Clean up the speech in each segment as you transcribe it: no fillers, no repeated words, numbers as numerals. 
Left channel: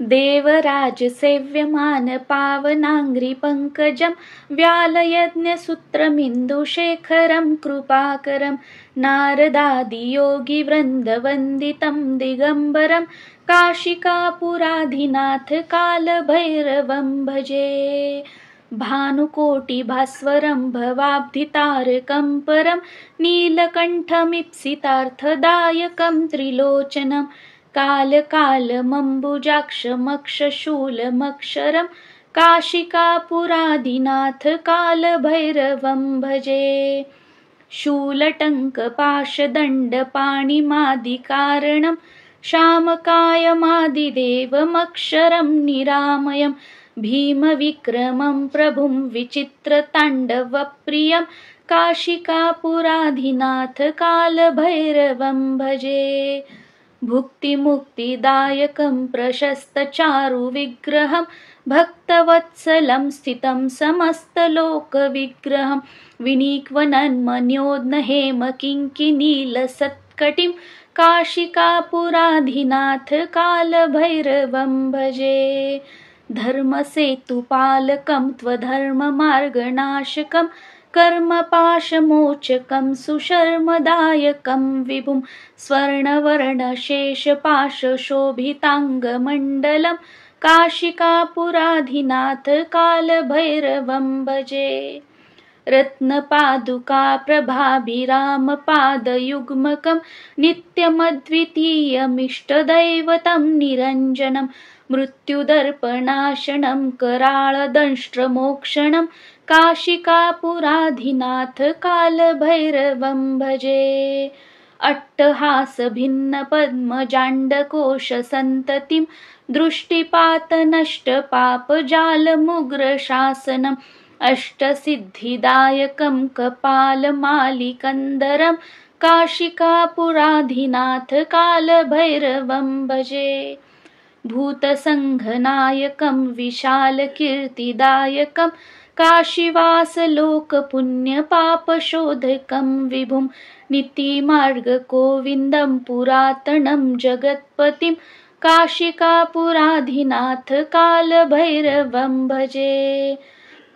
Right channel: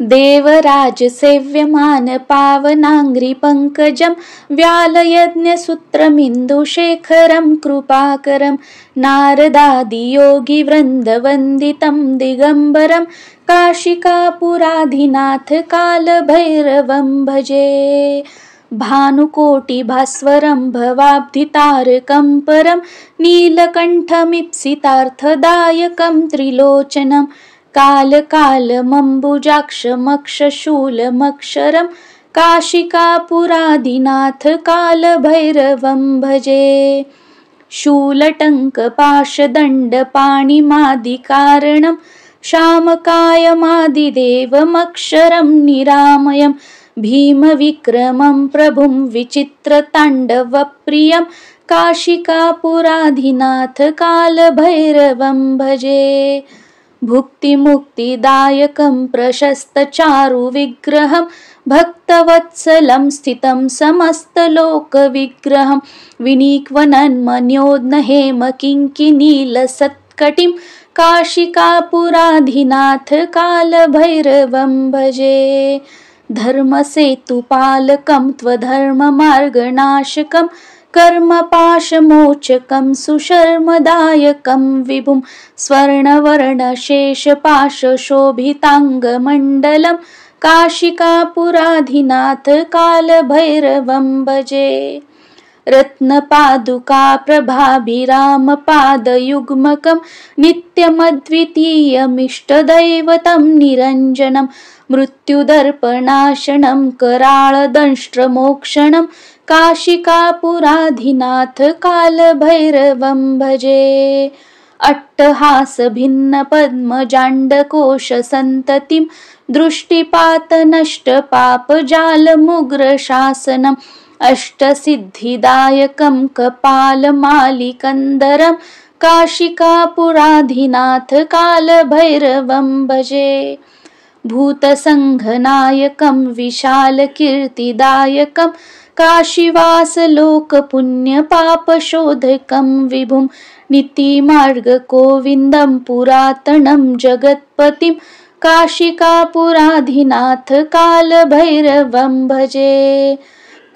देवराजसेव्यमान पावनाङ्घ्रिपङ्कजं व्यालयज्ञसूत्रमिन्दुशेखरं कृपाकरं नारदादियोगिवृन्दवन्दितं दिगम्बरं काशिकापुराधिनाथ कालभैरवं भजे। भानुकोटिभास्वरं भवाब्धितारकं परं नीलकण्ठमीप्सितार्थदायकं त्रिलोचनं कालकालमम्बुजाक्षमक्षशूलमक्षरं काशिकापुराधिनाथ कालभैरवं भजे। शूलटङ्कपाशदण्डपाणिमादिकारणं शामकायमादिदेवमक्षरं निरामयं भीमविक्रमं प्रभुं विचित्रताण्डवप्रियं काशिकापुराधिनाथ कालभैरवं भजे। भुक्तिमुक्तिदायकं प्रशस्तचारुविग्रहं भक्तवत्सलं स्थितं समस्तलोकविग्रहं विनीक्वनन्मन्योद्नहेमकिङ्किनीलसत्कटिं काशिकापुराधिनाथ कालभैरवं भजे। धर्मसेतुपालकं त्वधर्ममार्गनाशकं कर्मपाशमोचकं सुशर्मदायकं विभुं स्वर्णवर्णशेषपाशशोभिताङ्गमण्डलं काशिकापुराधिनाथ कालभैरवं भजे। रत्नपादुकाप्रभाभिरामपादयुग्मकं नित्यमद्वितीयमिष्टदैवतं निरञ्जनं मृत्युदर्पणाशनं कराळदंष्ट्रमोक्षणं काशिकापुराधिनाथ कालभैरवं भजे। अट्टहासभिन्नपद्मजाण्डकोशसन्ततिं दृष्टिपातनष्टपापजालमुग्रशासनम् अष्टसिद्धिदायकं कपालमालिकन्दरं काशिकापुराधिनाथ कालभैरवं भजे। भूतसङ्घनायकं विशालकीर्तिदायकं काशीवासलोकपुण्यपापशोधकं विभुं नीतिमार्गगोविन्दं पुरातनं जगत्पतिं काशिकापुराधिनाथ कालभैरवं भजे।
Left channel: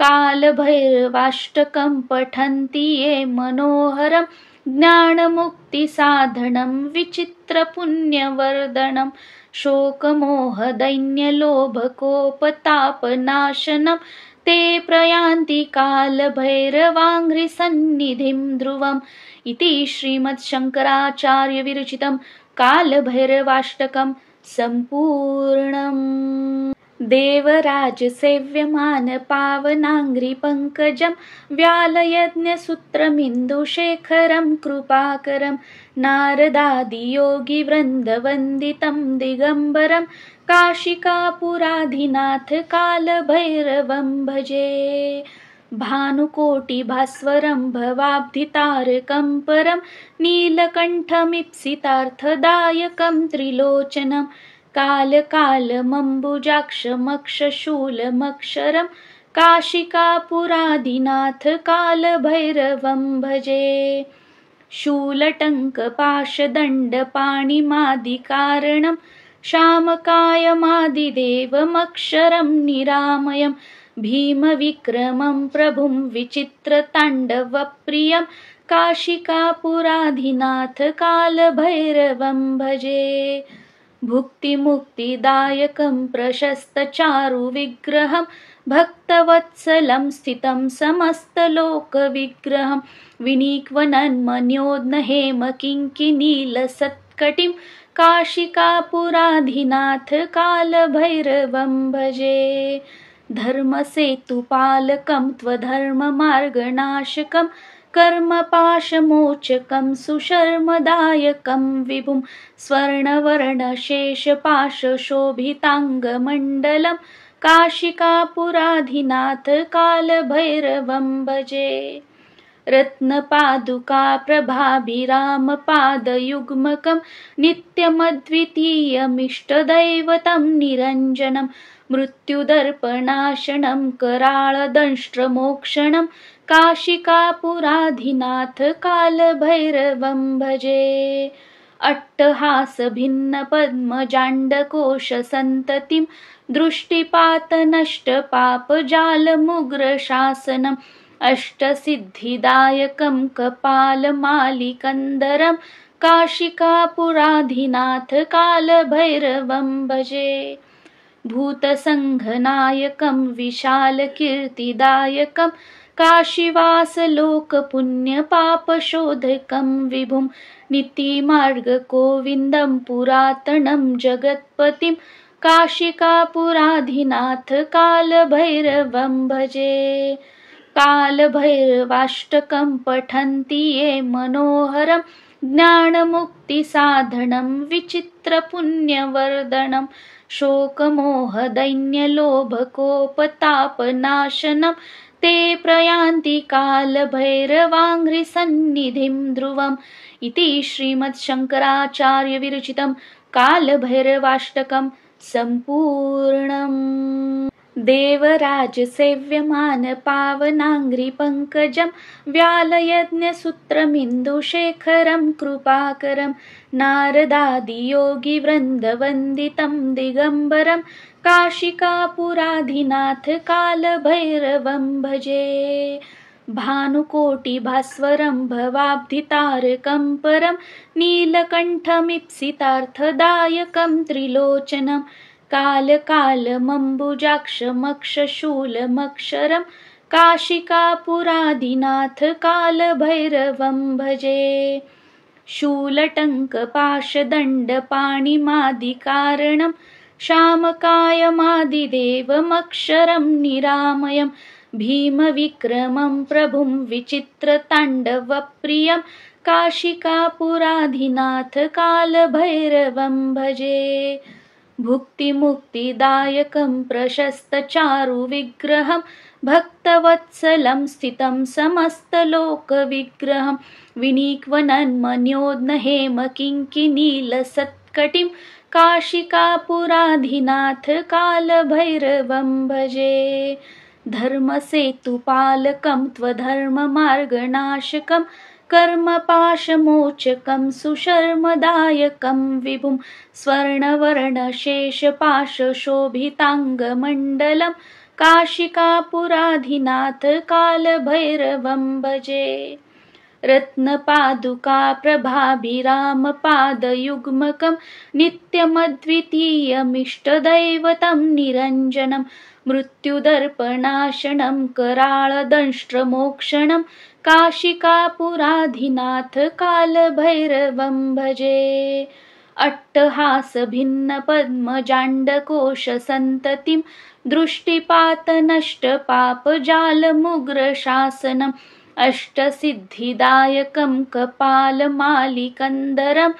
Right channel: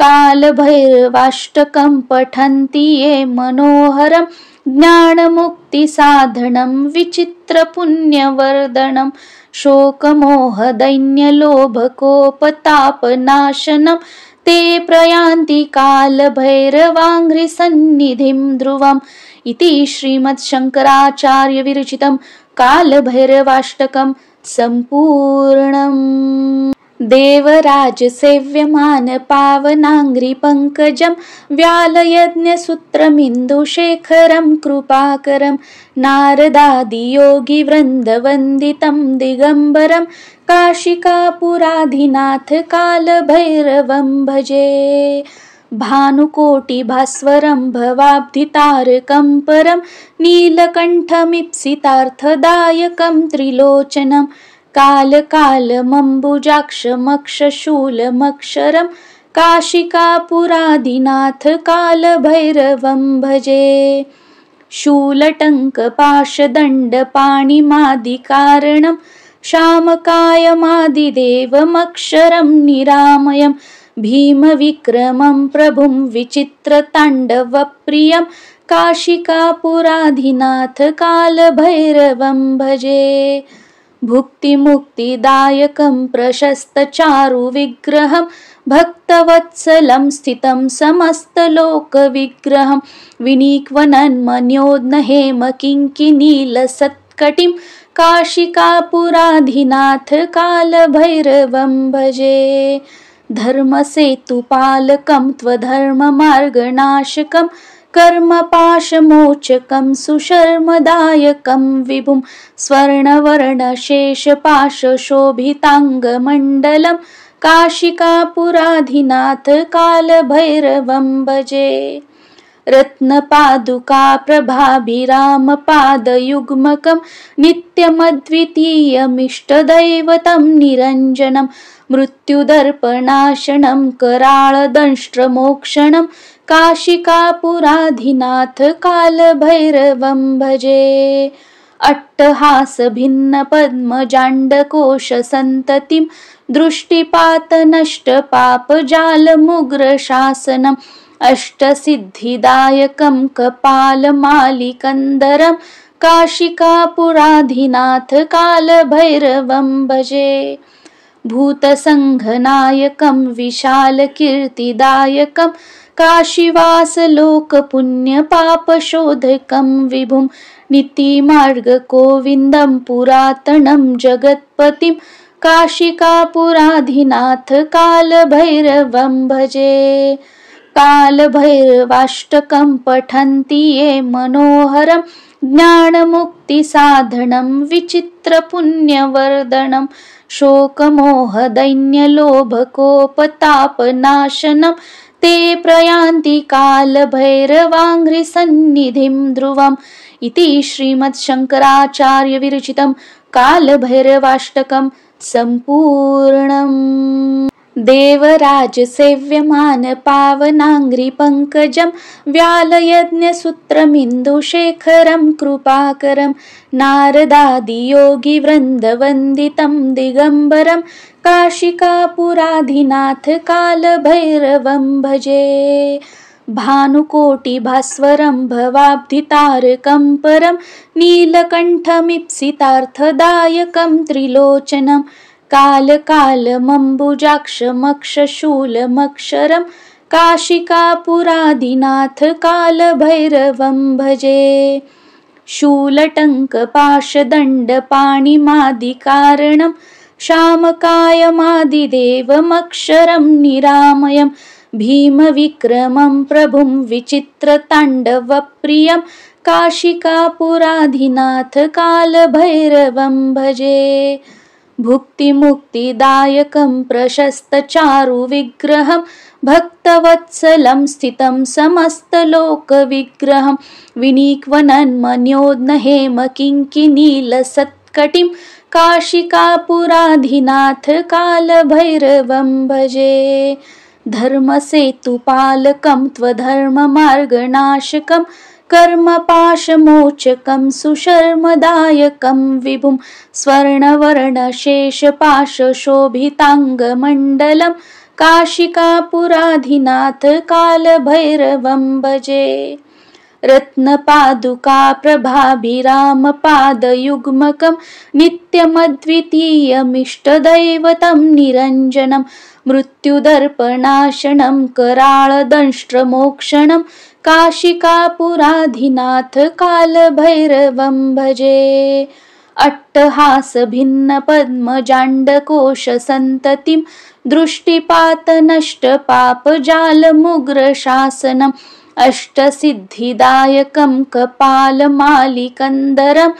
कालभैरवाष्टकं पठन्ति ये मनोहरं ज्ञानमुक्तिसाधनं विचित्रपुण्यवर्धनं शोकमोहदैन्यलोभकोपतापनाशनं ते प्रयान्ति कालभैरवाङ्घ्रिसन्निधिं ध्रुवम् इति श्रीमद्शङ्कराचार्यविरचितं कालभैरवाष्टकं सम्पूर्णम्। देवराजसेव्यमान पावनाङ्घ्रिपङ्कजं व्यालयज्ञसूत्रमिन्दुशेखरं कृपाकरं नारदादियोगिवृन्दवन्दितं दिगम्बरं काशिकापुराधिनाथ कालभैरवं भजे। भानुकोटिभास्वरं भवाब्धितारकं परं नीलकण्ठमीप्सितार्थदायकं त्रिलोचनं कालकालमम्बुजाक्षमक्षशूलमक्षरं काशिकापुराधिनाथ कालभैरवं भजे। शूलटङ्कपाशदण्डपाणिमादिकारणं शामकायमादिदेवमक्षरं निरामयं भीमविक्रमं प्रभुं विचित्रताण्डवप्रियं काशिकापुराधिनाथ कालभैरवं भजे। भुक्तिमुक्तिदायकं प्रशस्तचारुविग्रहं भक्तवत्सलं स्थितं समस्तलोकविग्रहं विनीक्वनन्मन्योद्नहेमकिङ्किनीलसत्कटिं काशिकापुराधिनाथ कालभैरवं भजे। धर्मसेतुपालकं त्वधर्ममार्गनाशकं कर्मपाशमोचकं सुशर्मदायकं विभुं स्वर्णवर्णशेषपाशशोभिताङ्गमण्डलं काशिकापुराधिनाथ कालभैरवं भजे। रत्नपादुकाप्रभाभिरामपादयुग्मकं नित्यमद्वितीयमिष्टदैवतं निरञ्जनं मृत्युदर्पणाशनं कराळदंष्ट्रमोक्षणं काशिकापुराधिनाथ कालभैरवं भजे। अट्टहासभिन्नपद्मजाण्डकोशसन्ततिं दृष्टिपातनष्टपापजालमुग्रशासनम् अष्टसिद्धिदायकं कपालमालिकन्दरं काशिकापुराधिनाथ कालभैरवं भजे। भूतसङ्घनायकं विशालकीर्तिदायकं काशीवासलोकपुण्यपापशोधकं विभुं नीतिमार्गगोविन्दं पुरातनं जगत्पतिं काशिकापुराधिनाथ कालभैरवं भजे। कालभैरवाष्टकं पठन्ति ये मनोहरं ज्ञानमुक्तिसाधनं विचित्रपुण्यवर्धनं शोकमोहदैन्यलोभकोपतापनाशनं ते प्रयान्ति कालभैरवाङ्घ्रिसन्निधिं ध्रुवम् इति श्रीमद्शङ्कराचार्यविरचितं कालभैरवाष्टकं सम्पूर्णम्। देवराजसेव्यमानपावनाङ्घ्रिपङ्कजं व्यालयज्ञसूत्रमिन्दुशेखरं कृपाकरं नारदादियोगिवृन्दवन्दितं दिगम्बरं काशिकापुराधिनाथ कालभैरवं भजे। भानुकोटिभास्वरं भवाब्धितारकं परं नीलकण्ठमीप्सितार्थदायकं त्रिलोचनं कालकालमम्बुजाक्षमक्षशूलमक्षरं काशिकापुराधिनाथ कालभैरवं भजे। शूलटङ्कपाशदण्डपाणिमादिकारणं शामकायमादिदेवमक्षरं निरामयं भीमविक्रमं प्रभुं विचित्रताण्डवप्रियं काशिकापुराधिनाथ कालभैरवं भजे। भुक्तिमुक्तिदायकं प्रशस्तचारुविग्रहं भक्तवत्सलं स्थितं समस्तलोकविग्रहं विनीक्वनन्मन्योद्नहेमकिङ्किनीलसत्कटिं काशिकापुराधिनाथ कालभैरवं भजे। धर्मसेतुपालकं त्वधर्ममार्गनाशकं कर्मपाशमोचकं सुशर्मदायकं विभुं स्वर्णवर्णशेषपाशशोभिताङ्गमण्डलं काशिकापुराधिनाथ कालभैरवं भजे। रत्नपादुकाप्रभाभिरामपादयुग्मकं नित्यमद्वितीयमिष्टदैवतं निरञ्जनं मृत्युदर्पणाशनं कराळदंष्ट्रमोक्षणं काशिकापुराधिनाथ कालभैरवं भजे। अट्टहासभिन्नपद्मजाण्डकोशसन्ततिं दृष्टिपातनष्टपापजालमुग्रशासनम् अष्टसिद्धिदायकं कपालमालिकन्दरं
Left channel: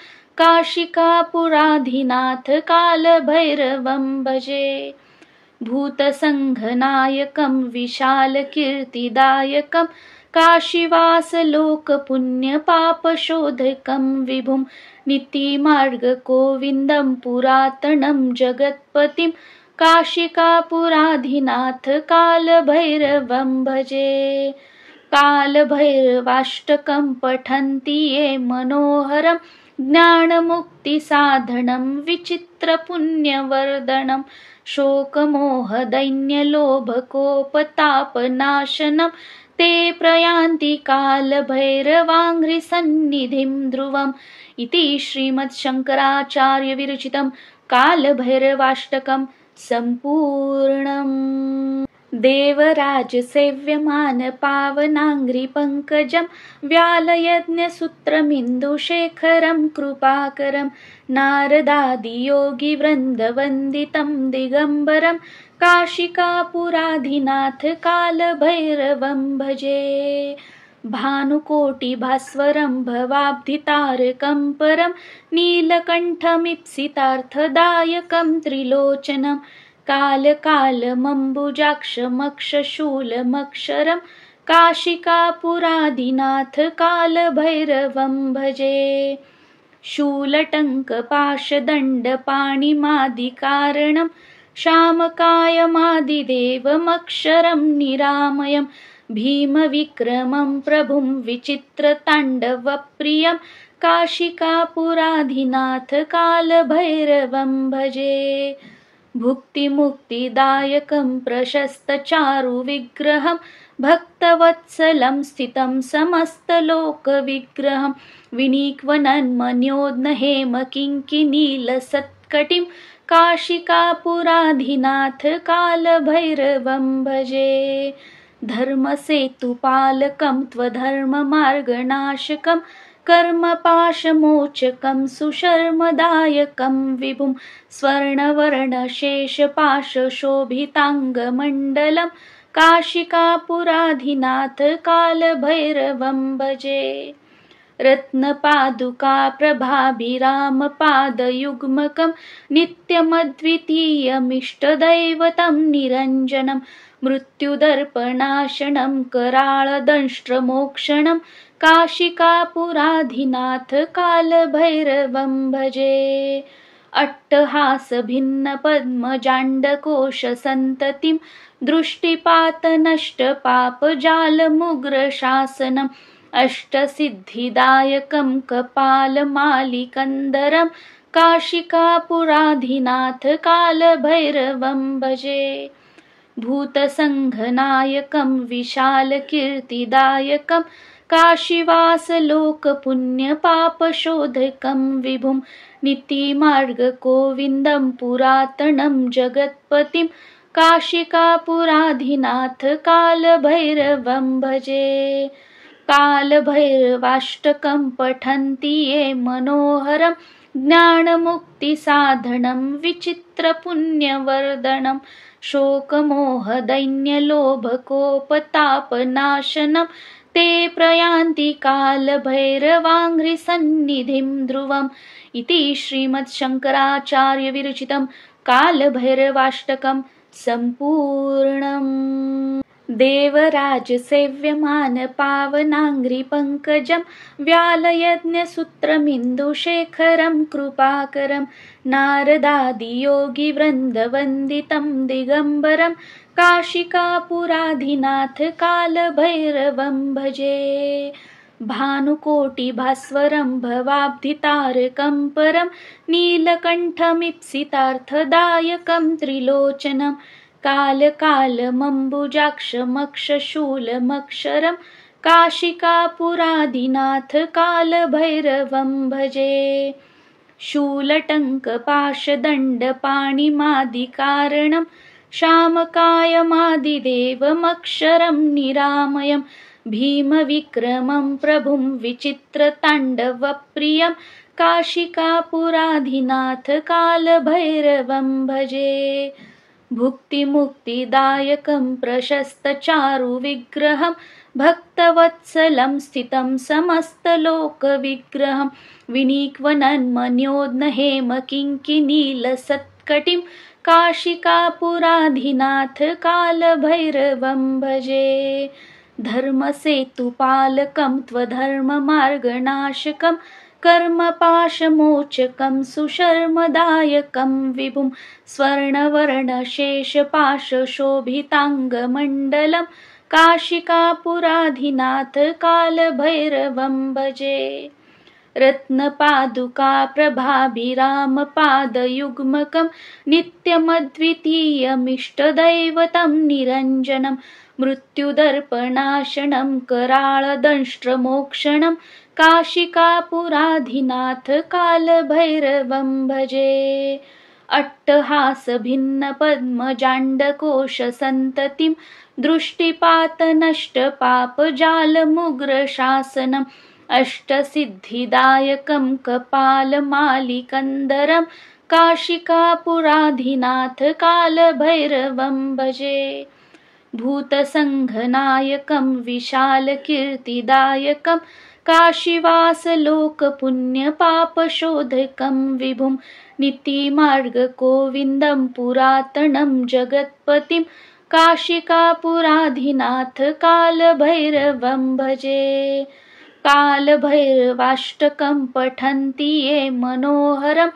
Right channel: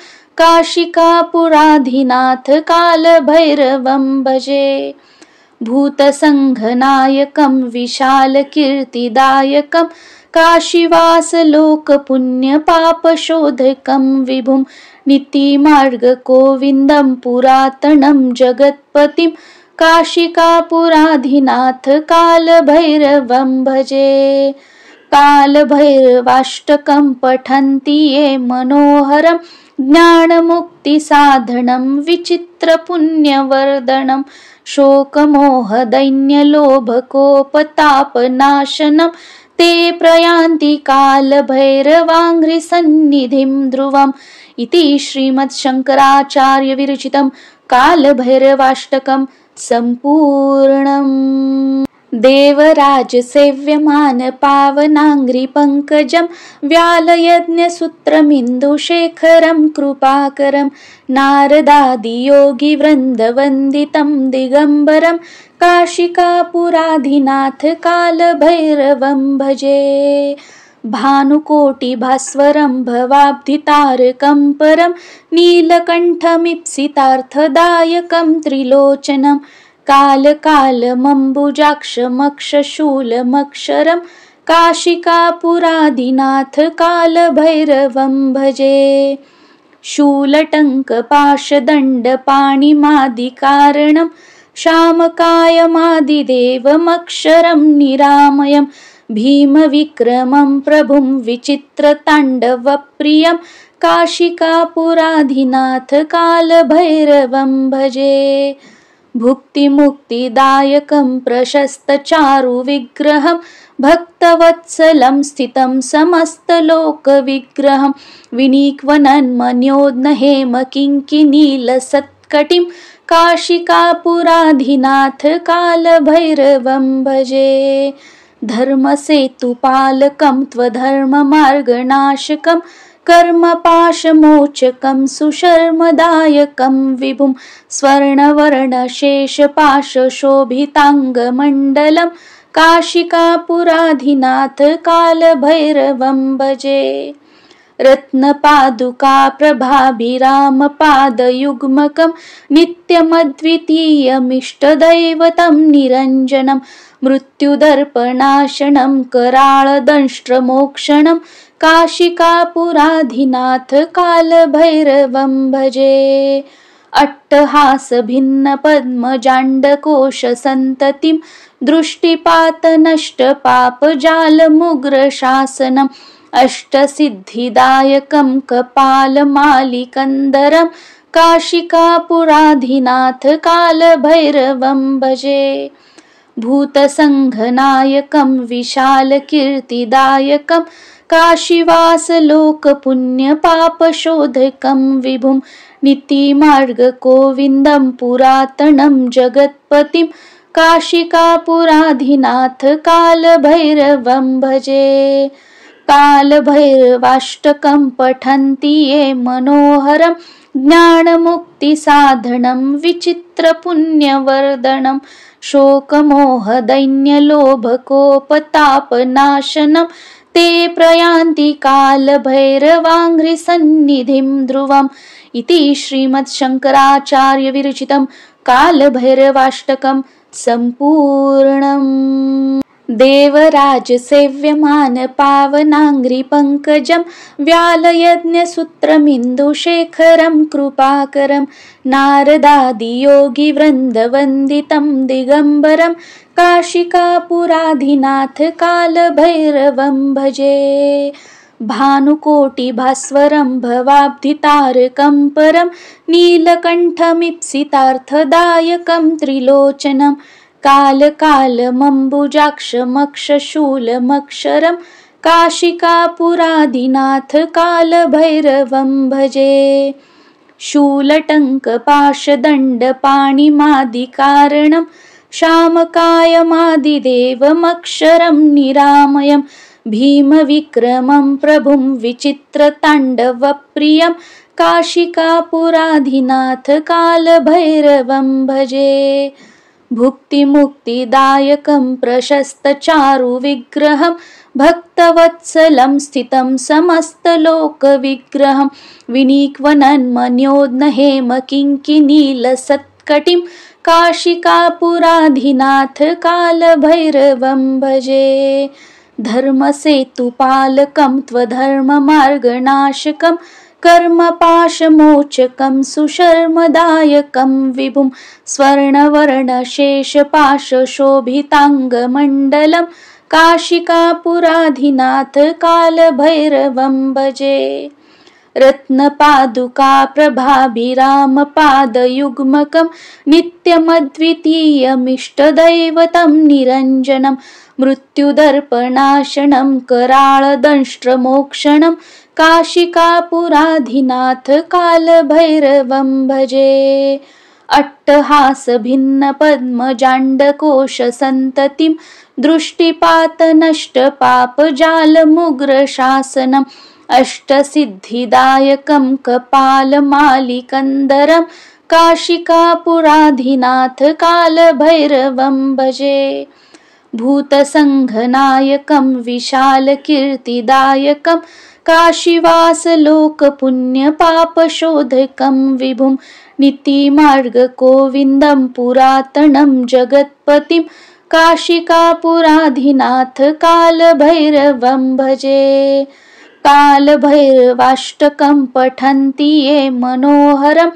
काशिकापुराधिनाथ कालभैरवं भजे। भूतसङ्घनायकं विशालकीर्तिदायकं काशीवासलोकपुण्यपापशोधकं विभुं नीतिमार्गगोविन्दं पुरातनं जगत्पतिं काशिकापुराधिनाथ कालभैरवं भजे। कालभैरवाष्टकं पठन्ति ये मनोहरं ज्ञानमुक्तिसाधनं विचित्रपुण्यवर्धनं शोकमोहदैन्यलोभकोपतापनाशनं ते प्रयान्ति कालभैरवाङ्घ्रिसन्निधिं ध्रुवम् इति श्रीमद्शङ्कराचार्यविरचितं कालभैरवाष्टकं सम्पूर्णम्। देवराजसेव्यमानपावनाङ्घ्रिपङ्कजं व्यालयज्ञसूत्रमिन्दुशेखरं कृपाकरं नारदादियोगिवृन्दवन्दितं दिगम्बरं काशिकापुराधिनाथ कालभैरवं भजे। भानुकोटिभास्वरं भवाब्धितारकं परं नीलकण्ठमीप्सितार्थदायकं त्रिलोचनं कालकालमम्बुजाक्षमक्षशूलमक्षरं काशिकापुराधिनाथ कालभैरवं भजे। शूलटङ्कपाशदण्डपाणिमादिकारणं शामकायमादिदेवमक्षरं निरामयं भीमविक्रमं प्रभुं विचित्रताण्डवप्रियं काशिकापुराधिनाथ कालभैरवं भजे। भुक्तिमुक्तिदायकं प्रशस्तचारुविग्रहं भक्तवत्सलं स्थितं समस्तलोकविग्रहं विनिक्वनन्मन्योद्नहेमकिङ्किनीलसत्कटिं काशिकापुराधिनाथ कालभैरवं भजे। धर्मसेतुपालकं त्वधर्ममार्गनाशकं कर्मपाशमोचकं सुशर्मदायकं विभुं स्वर्णवर्णशेषपाशशोभिताङ्गमण्डलं काशिकापुराधिनाथ कालभैरवं भजे। रत्नपादुकाप्रभाभिरामपादयुग्मकं नित्यमद्वितीयमिष्टदैवतं निरञ्जनं मृत्युदर्पणाशनं कराळदंष्ट्रमोक्षणं काशिकापुराधिनाथ कालभैरवं भजे। अट्टहासभिन्नपद्मजाण्डकोशसन्ततिं दृष्टिपातनष्टपापजालमुग्रशासनम् अष्टसिद्धिदायकं कपालमालिकन्दरं काशिकापुराधिनाथ कालभैरवं भजे। भूतसङ्घनायकं विशालकीर्तिदायकं काशीवासलोकपुण्यपापशोधकं विभुं नीतिमार्गगोविन्दं पुरातनं जगत्पतिं काशिकापुराधिनाथ कालभैरवं भजे। कालभैरवाष्टकं पठन्ति ये मनोहरं ज्ञानमुक्तिसाधनं विचित्रपुण्यवर्धनं शोकमोहदैन्यलोभकोपतापनाशनं ते प्रयान्ति कालभैरवाङ्घ्रिसन्निधिं ध्रुवम् इति श्रीमद्शङ्कराचार्यविरचितं कालभैरवाष्टकं सम्पूर्णम्। देवराजसेव्यमानपावनाङ्घ्रिपङ्कजं व्यालयज्ञसूत्रमिन्दुशेखरं कृपाकरं नारदादियोगिवृन्दवन्दितं दिगम्बरं काशिकापुराधिनाथ कालभैरवं भजे। भानुकोटिभास्वरं भवाब्धितारकं परं नीलकण्ठमीप्सितार्थदायकं त्रिलोचनं कालकालमम्बुजाक्षमक्षशूलमक्षरं काशिकापुराधिनाथ कालभैरवं भजे। शूलटङ्कपाशदण्डपाणिमादिकारणं शामकायमादिदेवमक्षरं निरामयं भीमविक्रमं प्रभुं विचित्रताण्डवप्रियं काशिकापुराधिनाथ कालभैरवं भजे। भुक्तिमुक्तिदायकं प्रशस्तचारुविग्रहं भक्तवत्सलं स्थितं समस्तलोकविग्रहं विनिक्वनन्मन्योद्नहेमकिङ्किनीलसत्कटिं काशिकापुराधिनाथ कालभैरवं भजे। धर्मसेतुपालकं त्वधर्ममार्गनाशकं कर्मपाशमोचकं सुशर्मदायकं विभुं स्वर्णवर्णशेषपाशशोभिताङ्गमण्डलं काशिकापुराधिनाथ कालभैरवं भजे। रत्नपादुकाप्रभाभिरामपादयुग्मकं नित्यमद्वितीयमिष्टदैवतं निरञ्जनं मृत्युदर्पणाशनं कराळदंष्ट्रमोक्षणं काशिकापुराधिनाथ कालभैरवं भजे। अट्टहासभिन्नपद्मजाण्डकोशसन्ततिं दृष्टिपातनष्टपापजालमुग्रशासनम् अष्टसिद्धिदायकं कपालमालिकन्दरं काशिकापुराधिनाथ कालभैरवं भजे। भूतसङ्घनायकं विशालकीर्तिदायकं काशीवासलोकपुण्यपापशोधकं विभुं नीतिमार्गगोविन्दं पुरातनं जगत्पतिं काशिकापुराधिनाथ कालभैरवं भजे। कालभैरवाष्टकं पठन्ति ये मनोहरं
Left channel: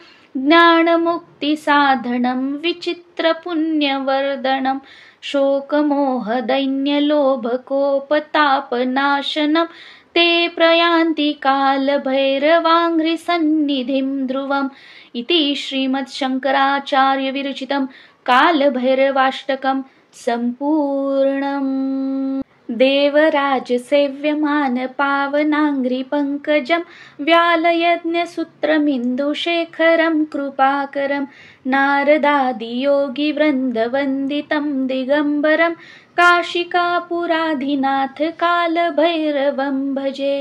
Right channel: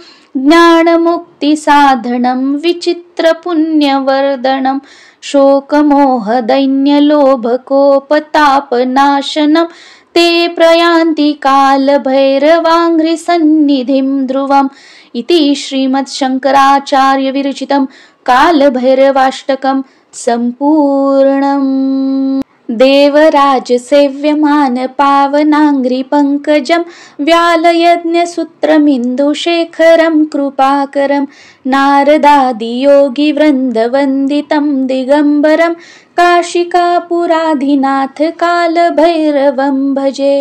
ज्ञानमुक्तिसाधनं विचित्रपुण्यवर्धनं शोकमोहदैन्यलोभकोपतापनाशनं ते प्रयान्ति कालभैरवाङ्घ्रिसन्निधिं ध्रुवम् इति श्रीमद्शङ्कराचार्यविरचितं कालभैरवाष्टकं सम्पूर्णम्। देवराजसेव्यमानपावनाङ्घ्रिपङ्कजं व्यालयज्ञसूत्रमिन्दुशेखरं कृपाकरं नारदादियोगिवृन्दवन्दितं दिगम्बरं काशिकापुराधिनाथ कालभैरवं भजे।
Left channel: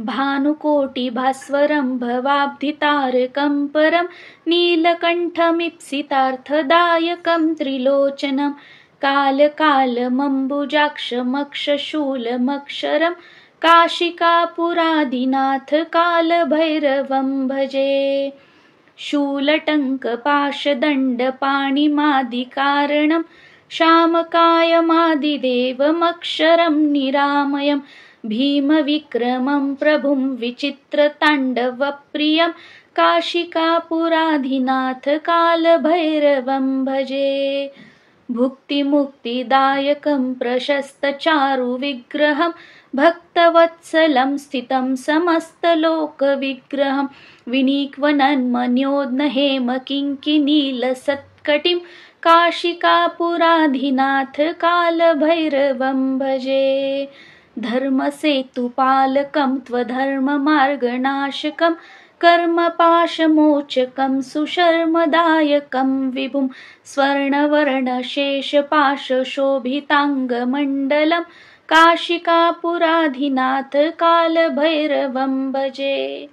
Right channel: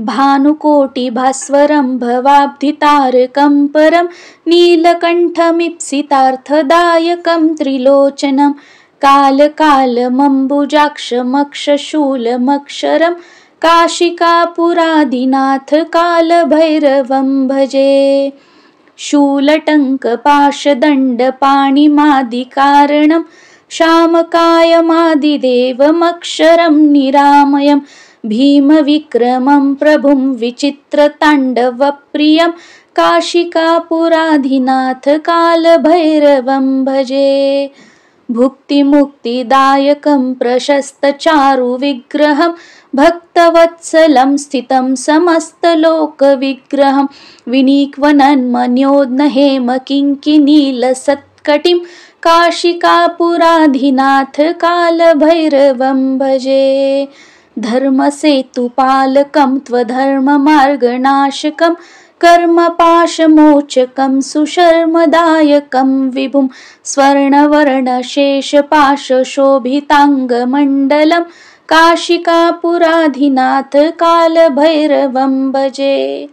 भानुकोटिभास्वरं भवाब्धितारकं परं नीलकण्ठमीप्सितार्थदायकं त्रिलोचनं कालकालमम्बुजाक्षमक्षशूलमक्षरं काशिकापुराधिनाथ कालभैरवं भजे। शूलटङ्कपाशदण्डपाणिमादिकारणं शामकायमादिदेवमक्षरं निरामयं भीमविक्रमं प्रभुं विचित्रताण्डवप्रियं काशिकापुराधिनाथ कालभैरवं भजे। भुक्तिमुक्तिदायकं प्रशस्तचारुविग्रहं भक्तवत्सलं स्थितं समस्तलोकविग्रहं विनीक्वनन्मन्योद्नहेमकिङ्किनीलसत्कटिं काशिकापुराधिनाथ कालभैरवं भजे। धर्मसेतुपालकं त्वधर्ममार्गनाशकं कर्मपाशमोचकं सुशर्मदायकं विभुं स्वर्णवर्णशेषपाशशोभिताङ्गमण्डलं काशिकापुराधिनाथ कालभैरवं भजे।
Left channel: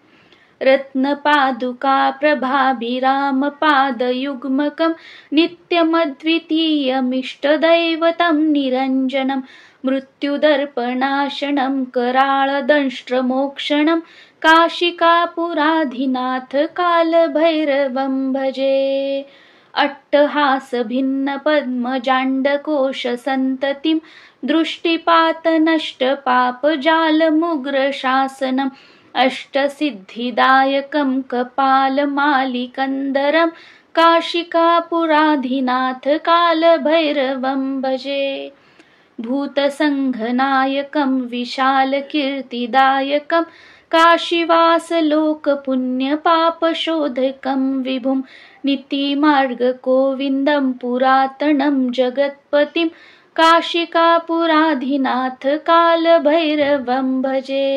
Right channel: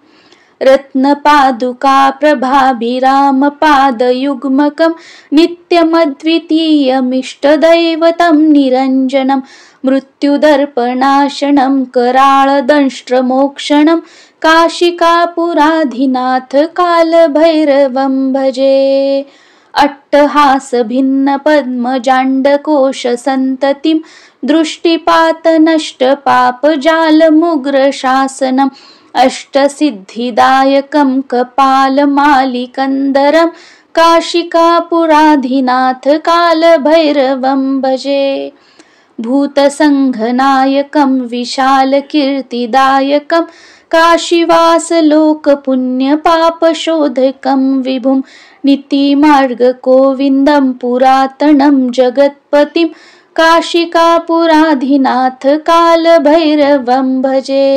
रत्नपादुकाप्रभाभिरामपादयुग्मकं नित्यमद्वितीयमिष्टदैवतं निरञ्जनं मृत्युदर्पणाशनं कराळदंष्ट्रमोक्षणं काशिकापुराधिनाथ कालभैरवं भजे। अट्टहासभिन्नपद्मजाण्डकोशसन्ततिं दृष्टिपातनष्टपापजालमुग्रशासनम् अष्टसिद्धिदायकं कपालमालिकन्दरं काशिकापुराधिनाथ कालभैरवं भजे। भूतसङ्घनायकं विशालकीर्तिदायकं काशीवासलोकपुण्यपापशोधकं विभुं नीतिमार्गगोविन्दं पुरातनं जगत्पतिं काशिकापुराधिनाथ कालभैरवं भजे।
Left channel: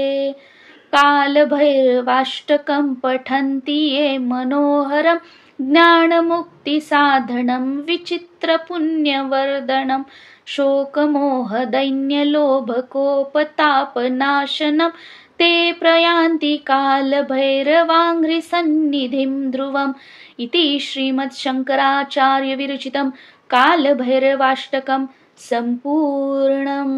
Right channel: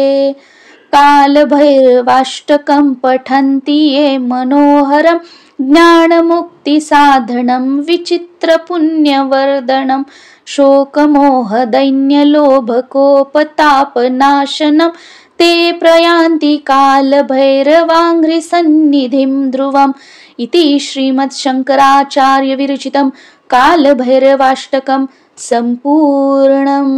कालभैरवाष्टकं पठन्ति ये मनोहरं ज्ञानमुक्तिसाधनं विचित्रपुण्यवर्धनं शोकमोहदैन्यलोभकोपतापनाशनं ते प्रयान्ति कालभैरवाङ्घ्रिसन्निधिं ध्रुवम् इति श्रीमद्शङ्कराचार्यविरचितं कालभैरवाष्टकं सम्पूर्णम्।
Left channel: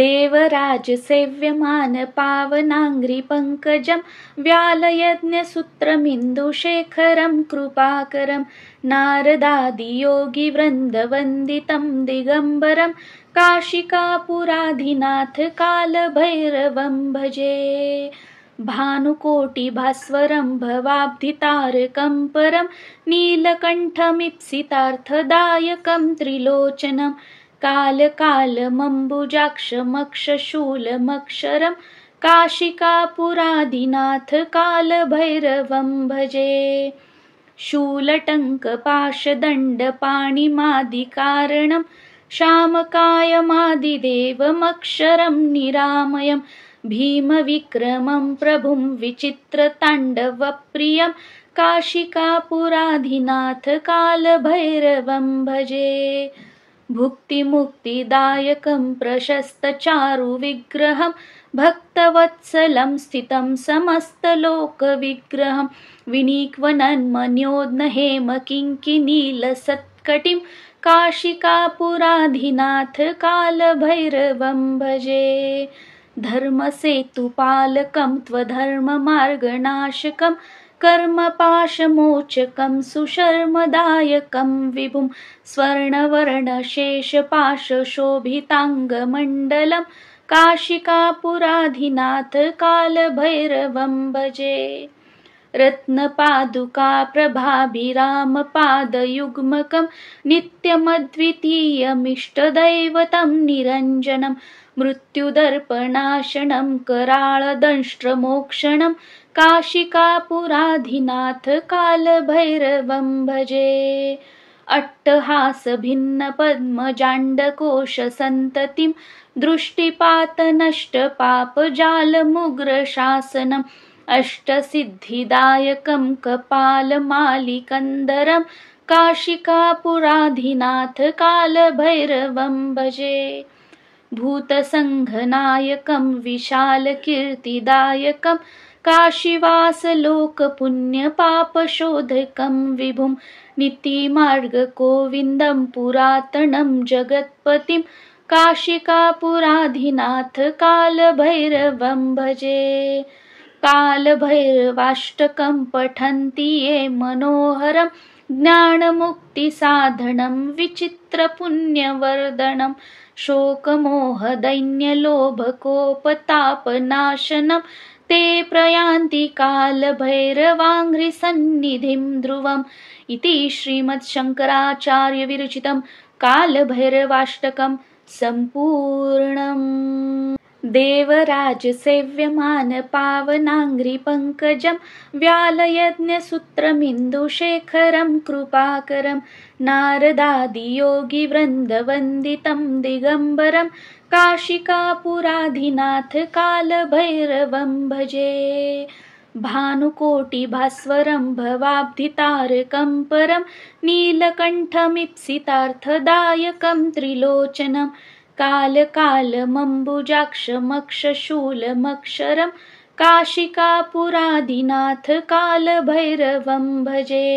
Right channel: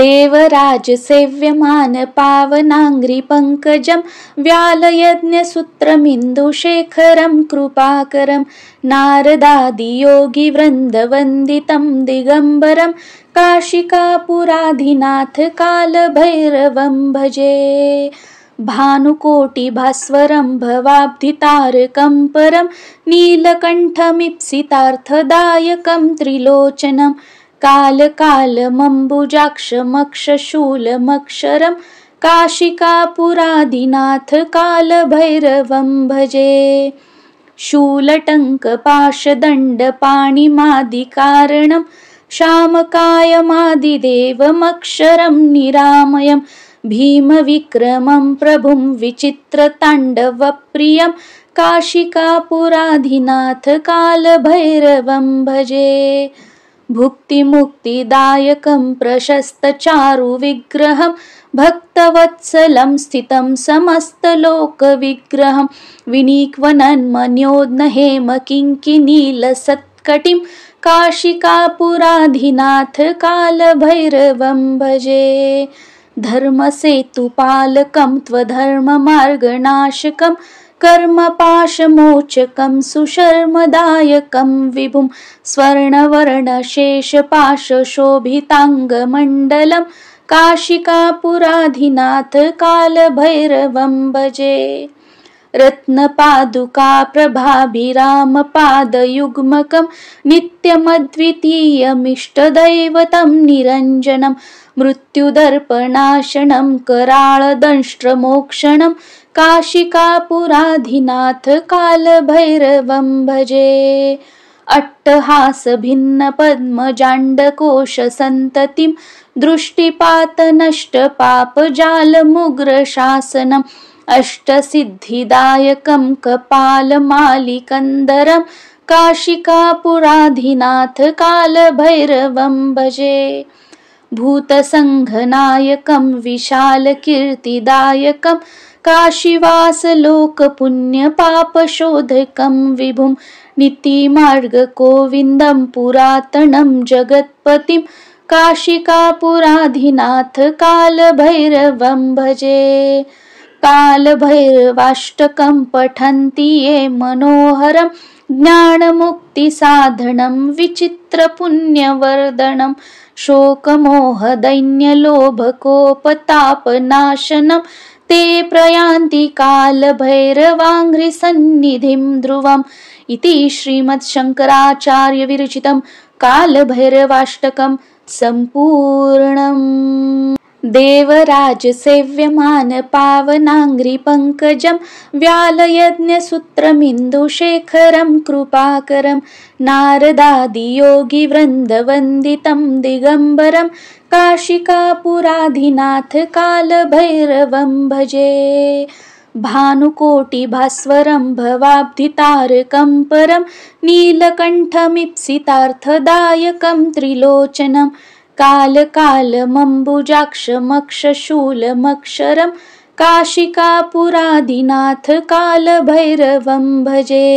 देवराजसेव्यमानपावनाङ्घ्रिपङ्कजं व्यालयज्ञसूत्रमिन्दुशेखरं कृपाकरं नारदादियोगिवृन्दवन्दितं दिगम्बरं काशिकापुराधिनाथ कालभैरवं भजे। भानुकोटिभास्वरं भवाब्धितारकं परं नीलकण्ठमीप्सितार्थदायकं त्रिलोचनं कालकालमम्बुजाक्षमक्षशूलमक्षरं काशिकापुराधिनाथ कालभैरवं भजे। शूलटङ्कपाशदण्डपाणिमादिकारणं शामकायमादिदेवमक्षरं निरामयं भीमविक्रमं प्रभुं विचित्रताण्डवप्रियं काशिकापुराधिनाथ कालभैरवं भजे। भुक्तिमुक्तिदायकं प्रशस्तचारुविग्रहं भक्तवत्सलं स्थितं समस्तलोकविग्रहं विनीक्वनन्मन्योद्नहेमकिङ्किनीलसत्कटिं काशिकापुराधिनाथ कालभैरवं भजे। धर्मसेतुपालकं त्वधर्ममार्गनाशकं कर्मपाशमोचकं सुशर्मदायकं विभुं स्वर्णवर्णशेषपाशशोभिताङ्गमण्डलं काशिकापुराधिनाथ कालभैरवं भजे। रत्नपादुका प्रभाभिरामपादयुग्मकं नित्यमद्वितीयमिष्टदैवतं निरञ्जनं मृत्युदर्पणाशनं कराळदंष्ट्रमोक्षणं काशिकापुराधिनाथ कालभैरवं भजे। अट्टहासभिन्नपद्मजाण्डकोशसन्ततिं दृष्टिपातनष्टपापजालमुग्रशासनम् अष्टसिद्धिदायकं कपालमालिकन्दरं काशिकापुराधिनाथ कालभैरवं भजे। भूतसङ्घनायकं विशालकीर्तिदायकं काशीवासलोकपुण्यपापशोधकं विभुं नीतिमार्गगोविन्दं पुरातनं जगत्पतिं काशिकापुराधिनाथ कालभैरवं भजे। कालभैरवाष्टकं पठन्ति ये मनोहरं ज्ञानमुक्तिसाधनं विचित्रपुण्यवर्धनं शोकमोहदैन्यलोभकोपतापनाशनं ते प्रयान्ति कालभैरवाङ्घ्रिसन्निधिं ध्रुवम् इति श्रीमद्शङ्कराचार्यविरचितं कालभैरवाष्टकं सम्पूर्णम्। देवराजसेव्यमानपावनाङ्घ्रिपङ्कजं व्यालयज्ञसूत्रमिन्दुशेखरं कृपाकरं नारदादियोगिवृन्दवन्दितं दिगम्बरं काशिकापुराधिनाथ कालभैरवं भजे। भानुकोटिभास्वरं भवाब्धितारकं परं नीलकण्ठमीप्सितार्थदायकं त्रिलोचनं कालकालमम्बुजाक्षमक्षशूलमक्षरं काशिकापुराधिनाथ कालभैरवं भजे।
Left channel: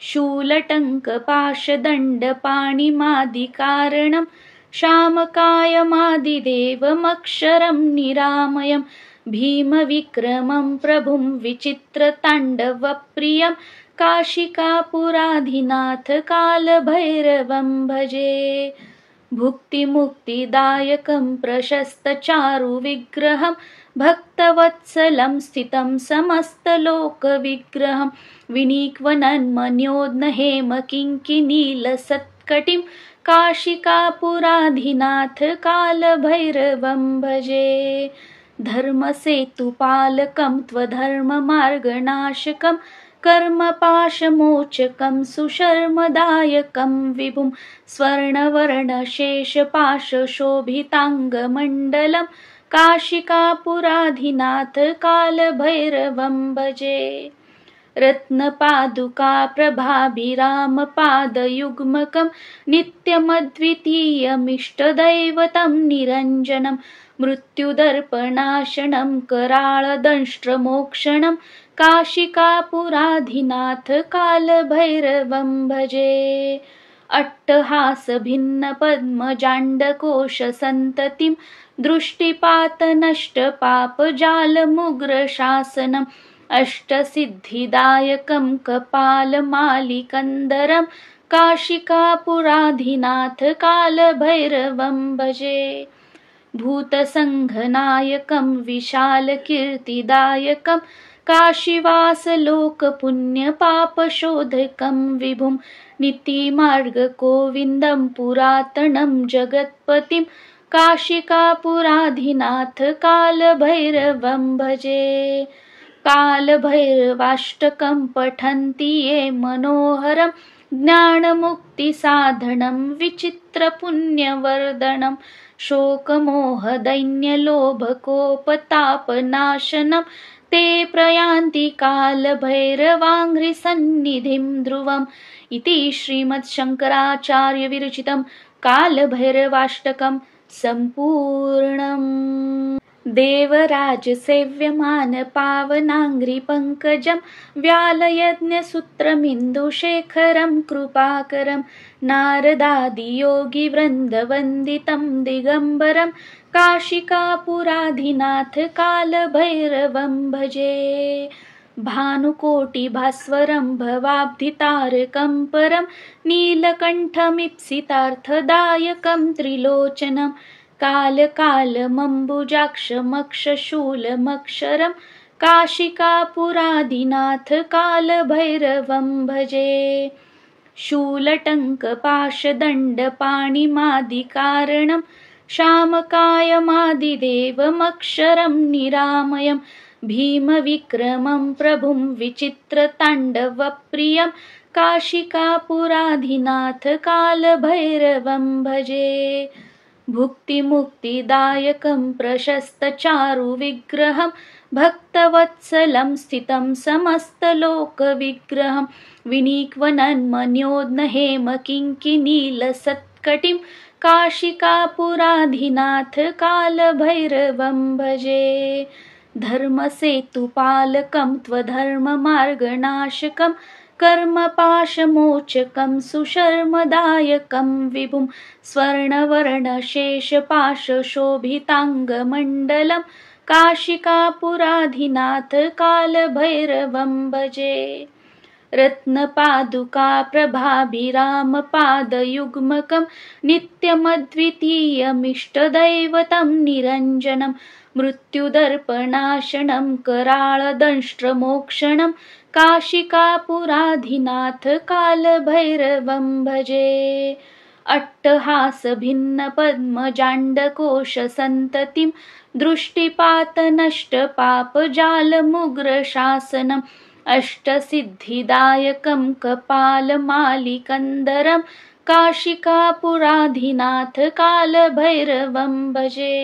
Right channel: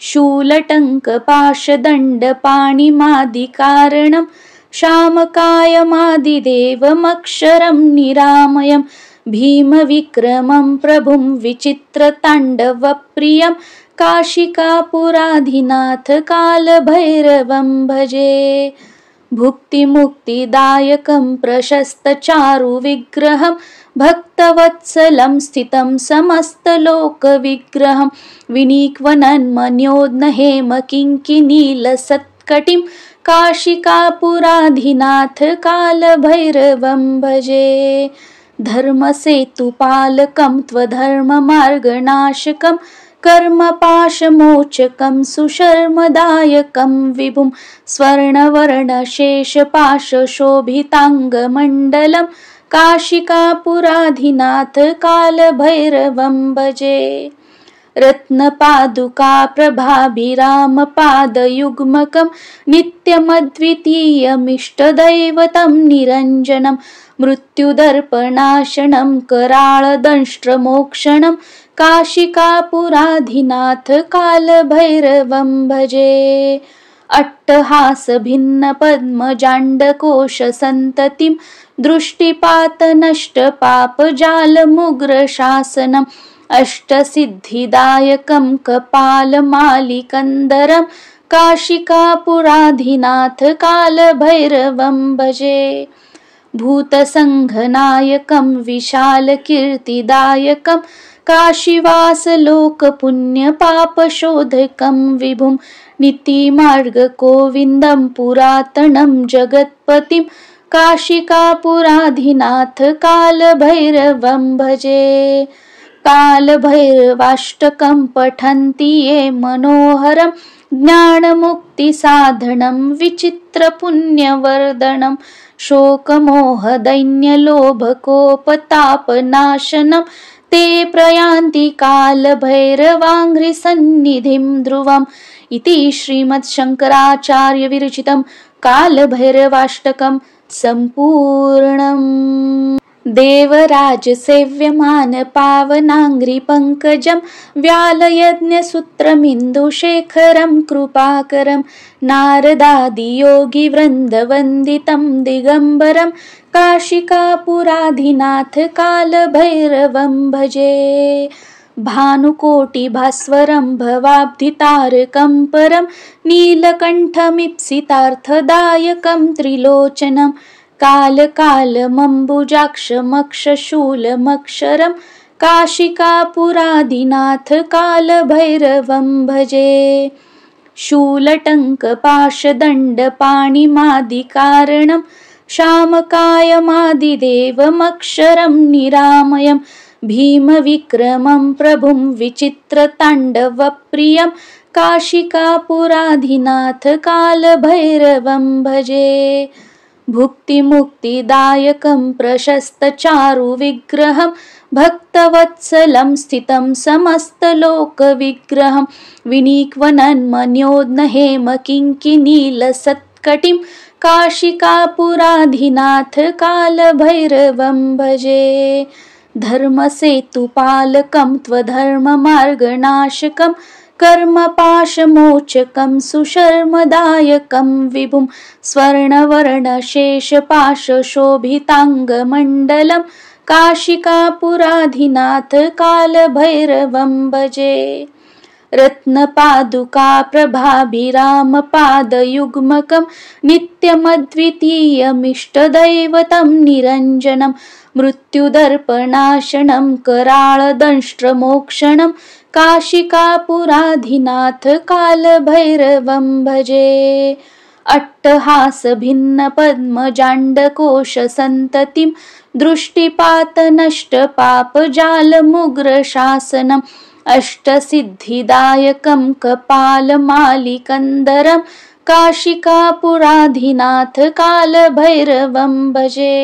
शूलटङ्कपाशदण्डपाणिमादिकारणं शामकायमादिदेवमक्षरं निरामयं भीमविक्रमं प्रभुं विचित्रताण्डवप्रियं काशिकापुराधिनाथ कालभैरवं भजे। भुक्तिमुक्तिदायकं प्रशस्तचारुविग्रहं भक्तवत्सलं स्थितं समस्तलोकविग्रहं विनिक्वनन्मन्योद्नहेमकिङ्किनीलसत्कटिं काशिकापुराधिनाथ कालभैरवं भजे। धर्मसेतुपालकं त्वधर्ममार्गनाशकं कर्मपाशमोचकं सुशर्मदायकं विभुं स्वर्णवर्णशेषपाशशोभिताङ्गमण्डलं काशिकापुराधिनाथ कालभैरवं भजे। रत्नपादुका प्रभाभिरामपादयुग्मकं नित्यमद्वितीयमिष्टदैवतं निरञ्जनं मृत्युदर्पणाशनं कराळदंष्ट्रमोक्षणं काशिकापुराधिनाथ कालभैरवं भजे। अट्टहासभिन्नपद्मजाण्डकोशसन्ततिं दृष्टिपातनष्टपापजालमुग्रशासनम् अष्टसिद्धिदायकं कपालमालिकन्दरं काशिकापुराधिनाथ कालभैरवं भजे। भूतसङ्घनायकं विशालकीर्तिदायकं काशीवासलोकपुण्यपापशोधकं विभुं नीतिमार्गगोविन्दं पुरातनं जगत्पतिं काशिकापुराधिनाथ कालभैरवं भजे। कालभैरवाष्टकं पठन्ति ये मनोहरं ज्ञानमुक्तिसाधनं विचित्रपुण्यवर्धनं शोकमोहदैन्यलोभकोपतापनाशनं ते प्रयान्ति कालभैरवाङ्घ्रिसन्निधिं ध्रुवम् इति श्रीमद्शङ्कराचार्यविरचितं कालभैरवाष्टकं सम्पूर्णम्। देवराजसेव्यमानपावनाङ्घ्रिपङ्कजं व्यालयज्ञसूत्रमिन्दुशेखरं कृपाकरं नारदादियोगिवृन्दवन्दितं दिगम्बरं काशिकापुराधिनाथ कालभैरवं भजे। भानुकोटिभास्वरं भवाब्धितारकं परं नीलकण्ठमीप्सितार्थदायकं त्रिलोचनं कालकालमम्बुजाक्षमक्षशूलमक्षरं काशिकापुरादिनाथ कालभैरवं भजे। शूलटङ्कपाशदण्डपाणिमादिकारणं शामकायमादिदेवमक्षरं निरामयं भीमविक्रमं प्रभुं विचित्रताण्डवप्रियं काशिकापुराधिनाथ कालभैरवं भजे। भुक्तिमुक्तिदायकं प्रशस्तचारुविग्रहं भक्तवत्सलं स्थितं समस्तलोकविग्रहं विनीक्वनन्मन्योद्नहेमकिङ्किनीलसत्कटिं काशिकापुराधिनाथ कालभैरवं भजे। धर्मसेतुपालकं त्वधर्ममार्गनाशकं कर्मपाशमोचकं सुशर्मदायकं विभुं स्वर्णवर्णशेषपाशशोभिताङ्गमण्डलं काशिकापुराधिनाथ कालभैरवं भजे। रत्नपादुकाप्रभाभिरामपादयुग्मकं नित्यमद्वितीयमिष्टदैवतं निरञ्जनं मृत्युदर्पणाशनं कराळदंष्ट्रमोक्षणं काशिकापुराधिनाथ कालभैरवं भजे। अट्टहासभिन्नपद्मजाण्डकोशसन्ततिं दृष्टिपातनष्टपापजालमुग्रशासनम् अष्टसिद्धिदायकं कपालमालिकन्दरं काशिकापुराधिनाथ कालभैरवं भजे।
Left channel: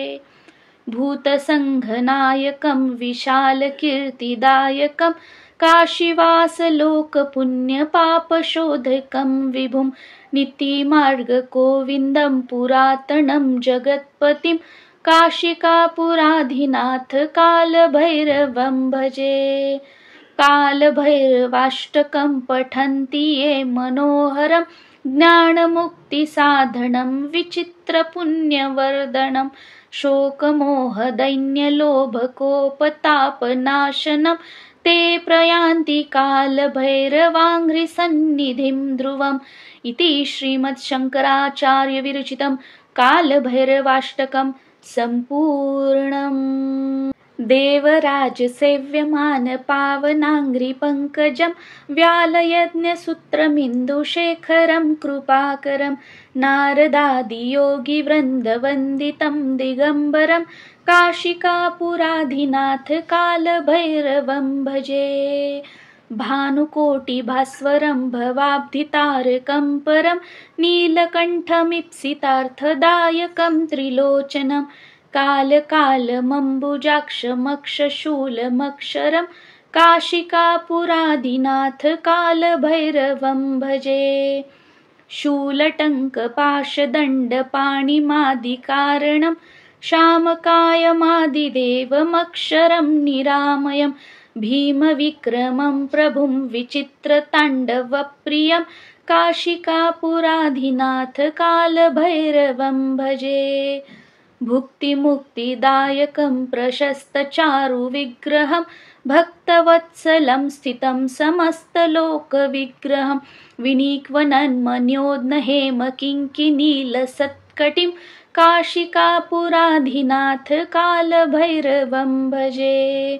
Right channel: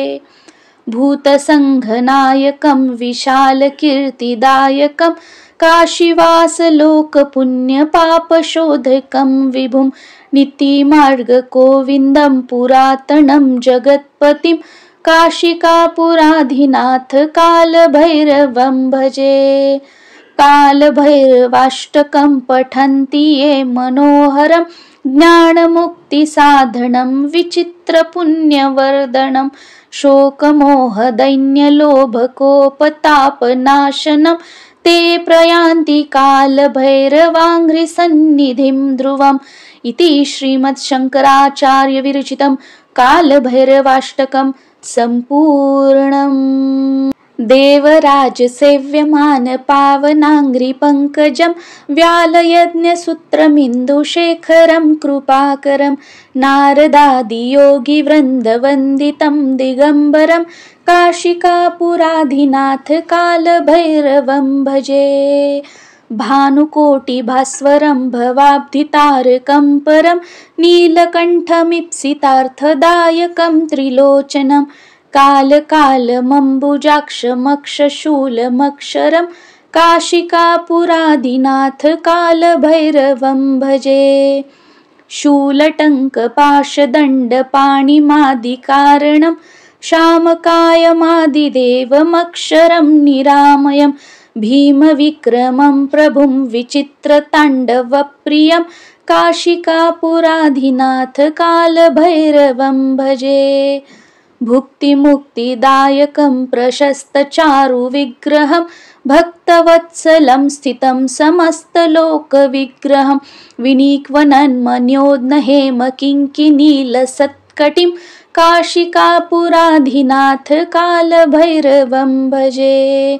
भूतसङ्घनायकं विशालकीर्तिदायकं काशीवासलोकपुण्यपापशोधकं विभुं नीतिमार्गगोविन्दं पुरातनं जगत्पतिं काशिकापुराधिनाथ कालभैरवं भजे। कालभैरवाष्टकं पठन्ति ये मनोहरं ज्ञानमुक्तिसाधनं विचित्रपुण्यवर्धनं शोकमोहदैन्यलोभकोपतापनाशनं ते प्रयान्ति कालभैरवाङ्घ्रिसन्निधिं ध्रुवम् इति श्रीमद्शङ्कराचार्यविरचितं कालभैरवाष्टकं सम्पूर्णम्। देवराजसेव्यमानपावनाङ्घ्रिपङ्कजं व्यालयज्ञसूत्रमिन्दुशेखरं कृपाकरं नारदादियोगिवृन्दवन्दितं दिगम्बरं काशिकापुराधिनाथ कालभैरवं भजे। भानुकोटिभास्वरं भवाब्धितारकं परं नीलकण्ठमीप्सितार्थदायकं त्रिलोचनं कालकालमम्बुजाक्षमक्षशूलमक्षरं काशिकापुराधिनाथ कालभैरवं भजे। शूलटङ्कपाशदण्डपाणिमादिकारणं शामकायमादिदेवमक्षरं निरामयं भीमविक्रमं प्रभुं विचित्रताण्डवप्रियं काशिकापुराधिनाथ कालभैरवं भजे। भुक्तिमुक्तिदायकं प्रशस्तचारुविग्रहं भक्तवत्सलं स्थितं समस्तलोकविग्रहं विनीक्वनन्मन्योद्नहेमकिङ्किनीलसत्कटिं काशिकापुराधिनाथ कालभैरवं भजे।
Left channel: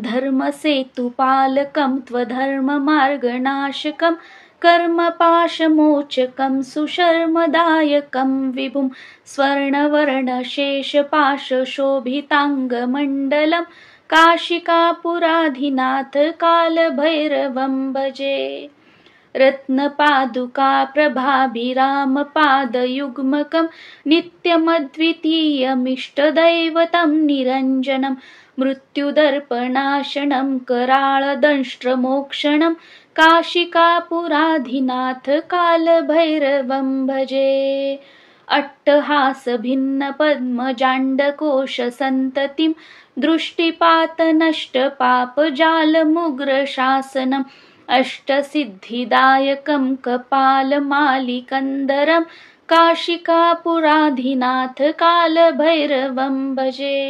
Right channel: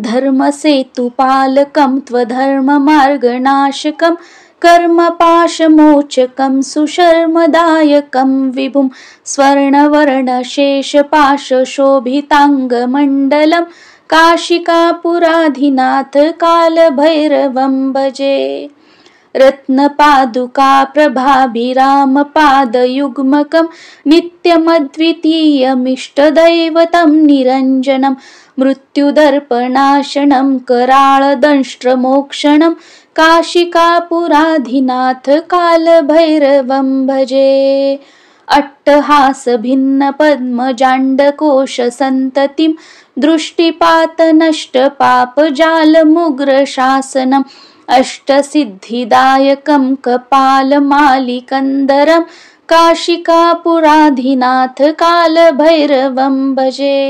धर्मसेतुपालकं त्वधर्ममार्गनाशकं कर्मपाशमोचकं सुशर्मदायकं विभुं स्वर्णवर्णशेषपाशशोभिताङ्गमण्डलं काशिकापुराधिनाथ कालभैरवं भजे। रत्नपादुकाप्रभाभिरामपादयुग्मकं नित्यमद्वितीयमिष्टदैवतं निरञ्जनं मृत्युदर्पणाशनं कराळदंष्ट्रमोक्षणं काशिकापुराधिनाथ कालभैरवं भजे। अट्टहासभिन्नपद्मजाण्डकोशसन्ततिं दृष्टिपातनष्टपापजालमुग्रशासनम् अष्टसिद्धिदायकं कपालमालिकन्दरं काशिकापुराधिनाथ कालभैरवं भजे।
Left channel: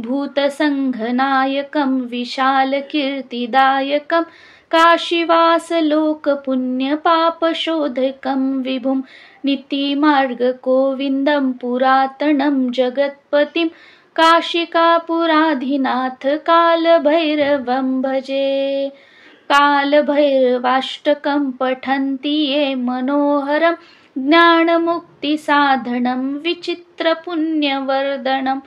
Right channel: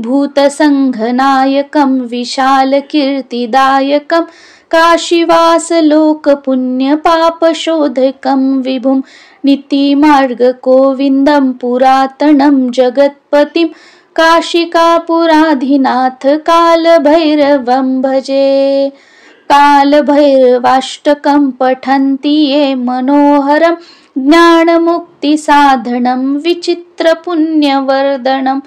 भूतसङ्घनायकं विशालकीर्तिदायकं काशीवासलोकपुण्यपापशोधकं विभुं नीतिमार्गगोविन्दं पुरातनं जगत्पतिं काशिकापुराधिनाथ कालभैरवं भजे। कालभैरवाष्टकं पठन्ति ये मनोहरं ज्ञानमुक्तिसाधनं विचित्रपुण्यवर्धनं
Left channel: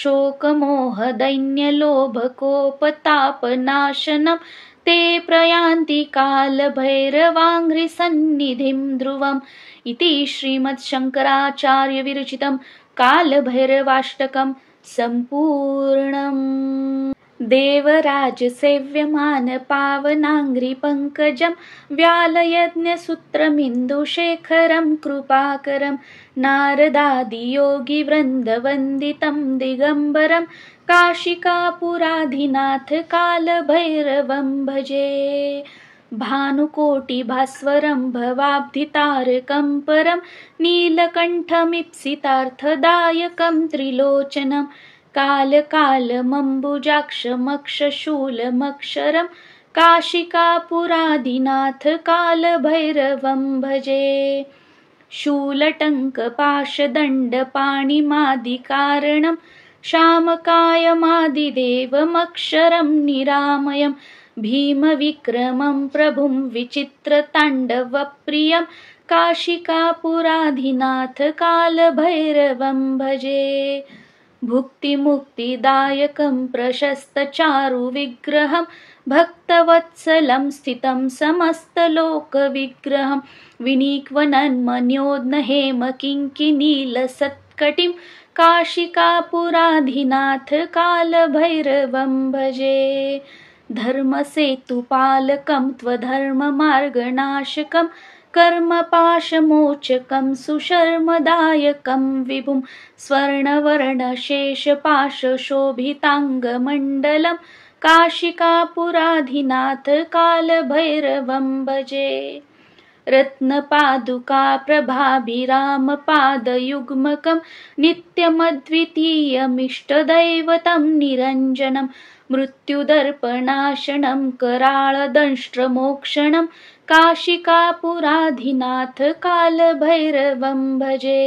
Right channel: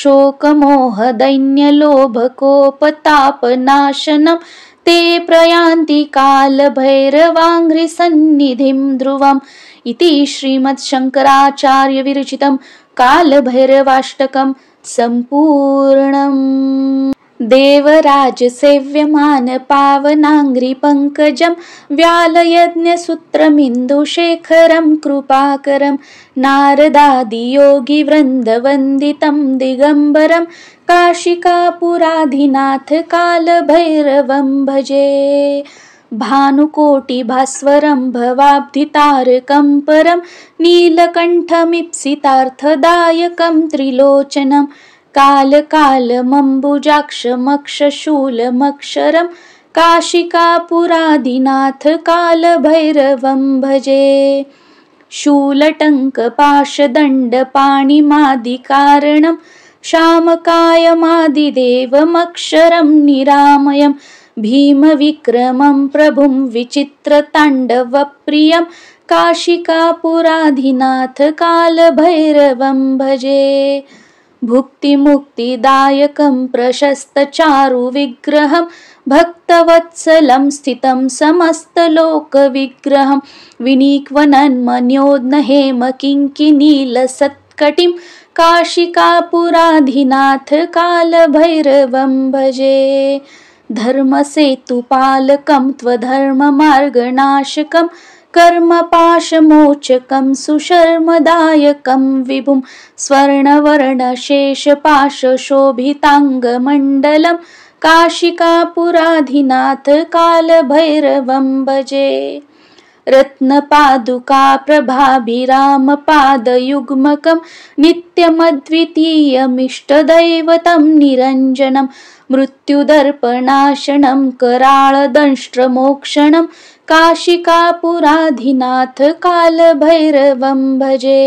शोकमोहदैन्यलोभकोपतापनाशनं ते प्रयान्ति कालभैरवाङ्घ्रिसन्निधिं ध्रुवम् इति श्रीमद्शङ्कराचार्यविरचितं कालभैरवाष्टकं सम्पूर्णम्। देवराजसेव्यमानपावनाङ्घ्रिपङ्कजं व्यालयज्ञसूत्रमिन्दुशेखरं कृपाकरं नारदादियोगिवृन्दवन्दितं दिगम्बरं काशिकापुराधिनाथ कालभैरवं भजे। भानुकोटिभास्वरं भवाब्धितारकं परं नीलकण्ठमीप्सितार्थदायकं त्रिलोचनं कालकालमम्बुजाक्षमक्षशूलमक्षरं काशिकापुराधिनाथ कालभैरवं भजे। शूलटङ्कपाशदण्डपाणिमादिकारणं शामकायमादिदेवमक्षरं निरामयं भीमविक्रमं प्रभुं विचित्रताण्डवप्रियं काशिकापुराधिनाथ कालभैरवं भजे। भुक्तिमुक्तिदायकं प्रशस्तचारुविग्रहं भक्तवत्सलं स्थितं समस्तलोकविग्रहं विनीक्वनन्मन्योद्नहेमकिङ्किनीलसत्कटिं काशिकापुराधिनाथ कालभैरवं भजे। धर्मसेतुपालकं त्वधर्ममार्गनाशकं कर्मपाशमोचकं सुशर्मदायकं विभुं स्वर्णवर्णशेषपाशशोभिताङ्गमण्डलं काशिकापुराधिनाथ कालभैरवं भजे। रत्नपादुकाप्रभाभिरामपादयुग्मकं नित्यमद्वितीयमिष्टदैवतं निरञ्जनं मृत्युदर्पणाशनं कराळदंष्ट्रमोक्षणं काशिकापुराधिनाथ कालभैरवं भजे।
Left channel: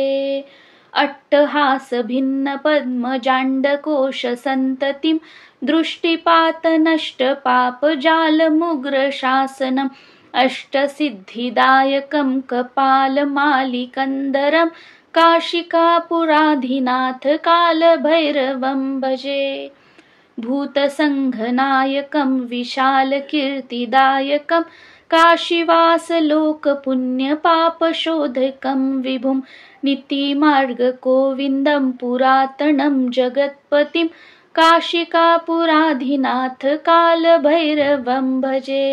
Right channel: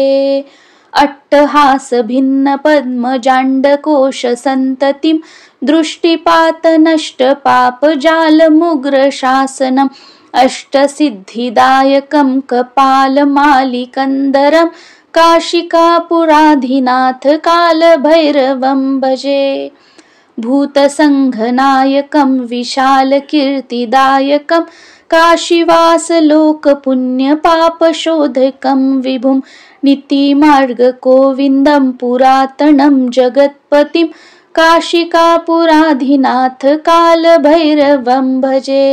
अट्टहासभिन्नपद्मजाण्डकोशसन्ततिं दृष्टिपातनष्टपापजालमुग्रशासनम् अष्टसिद्धिदायकं कपालमालिकन्दरं काशिकापुराधिनाथ कालभैरवं भजे। भूतसङ्घनायकं विशालकीर्तिदायकं काशीवासलोकपुण्यपापशोधकं विभुं नीतिमार्गगोविन्दं पुरातनं जगत्पतिं काशिकापुराधिनाथ कालभैरवं भजे।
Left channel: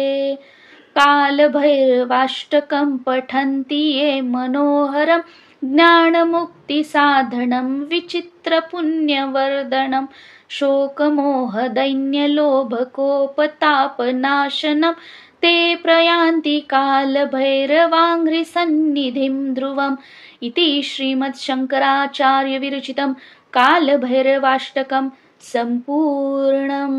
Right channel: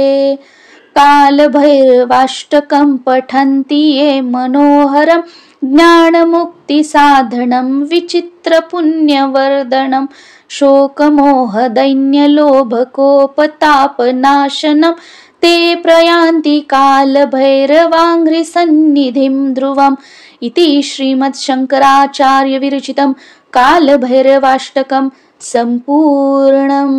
कालभैरवाष्टकं पठन्ति ये मनोहरं ज्ञानमुक्तिसाधनं विचित्रपुण्यवर्धनं शोकमोहदैन्यलोभकोपतापनाशनं ते प्रयान्ति कालभैरवाङ्घ्रिसन्निधिं ध्रुवम् इति श्रीमद्शङ्कराचार्यविरचितं कालभैरवाष्टकं सम्पूर्णम्।